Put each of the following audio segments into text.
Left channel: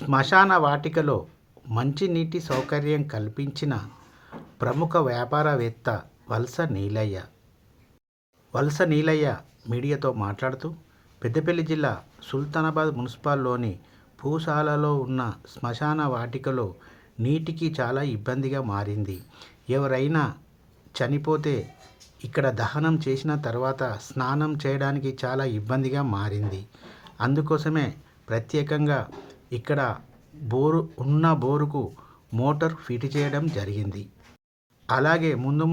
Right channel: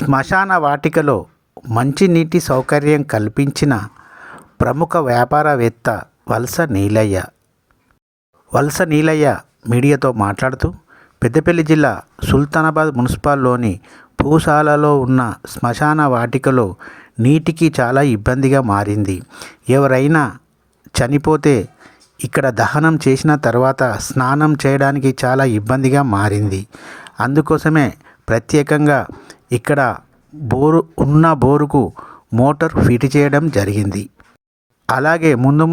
శ్మశాన వాటికలో మంచినీటి సౌకర్యం కల్పించిన ప్రముఖ వ్యాపారవేత్త వలస నీలయ్య మీడియాతో మాట్లాడుతూ, పెద్దపల్లి జిల్లా సుల్తానాబాద్ మున్సిపల్లోని పూసాలలో ఉన్న శ్మశాన వాటికలో నీటికి చాలా ఇబ్బందిగా మారింది. ఎవరైనా చనిపోతే ఇక్కడ దహనం చేసిన తర్వాత స్నానం చేయడానికి చాలా ఇబ్బందిగా మారింది. అందుకోసమే ప్రత్యేకంగా ఇక్కడ బోరుకు మోటార్ ఫిట్ చేయడం జరిగింది. అలాగే ముందు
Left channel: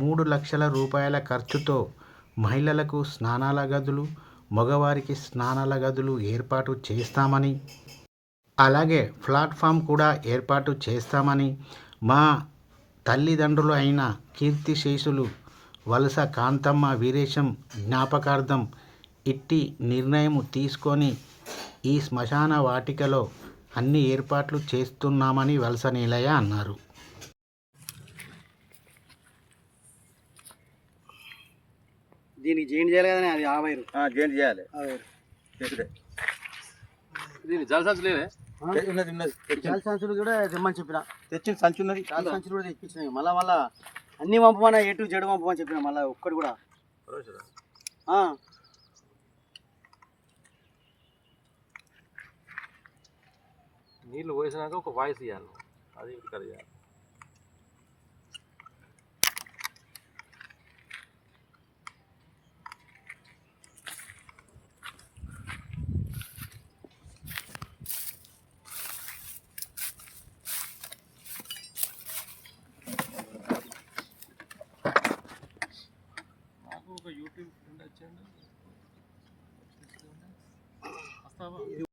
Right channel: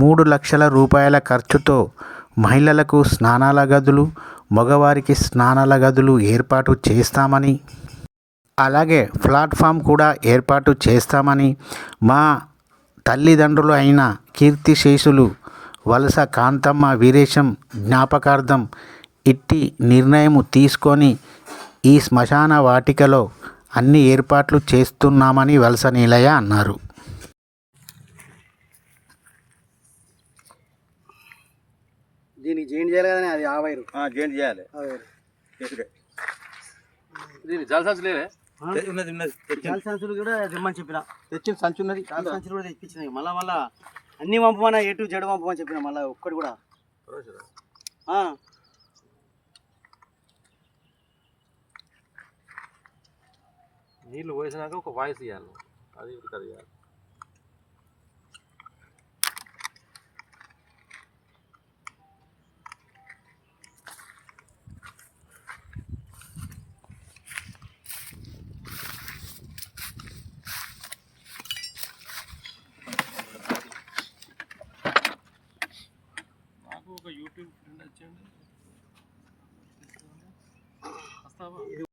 3 లక్షల రూపాయల ఖర్చుతో మహిళలకు స్నానాల గదులు, మగవారికి స్నానాల గదులు ఏర్పాటు చేస్తామని, అలాగే ప్లాట్ఫామ్ కూడా ఏర్పాటు చేస్తామని మా తల్లిదండ్రులు అయిన కీర్తిశేషులు వలస కాంతమ్మ వీరేశం జ్ఞాపకార్థం ఇట్టి నిర్ణయం తీసుకొని ఈ శ్మశాన వాటికలో అన్ని ఏర్పాట్లు చేస్తున్నామని వలస నీలయ్య అన్నారు. దీనికి జాయింట్ చేయాలి కదా, అది జాయింట్ చేయాలి. దీనికి జల సంచులు జల సంచులు కూడా తెమ్మని చెప్పిన, తెచ్చిన సంచు ఉన్నది, చాలా సంచులు కూడా తెప్పించినాయి. మళ్ళా అన్నీ పంపమన్నా, A to Z పంపమని చెప్పిన. మళ్ళీ ఒక్కటి కూడా నీళ్ళు పోసినాక ఒక వాయిస్ ఇవ్వాలి, అది ఇక్కడ ఇవ్వాలి. నాకు ఒక యూట్యూబ్ ఫ్రెండ్ వచ్చాడు, వస్తావా?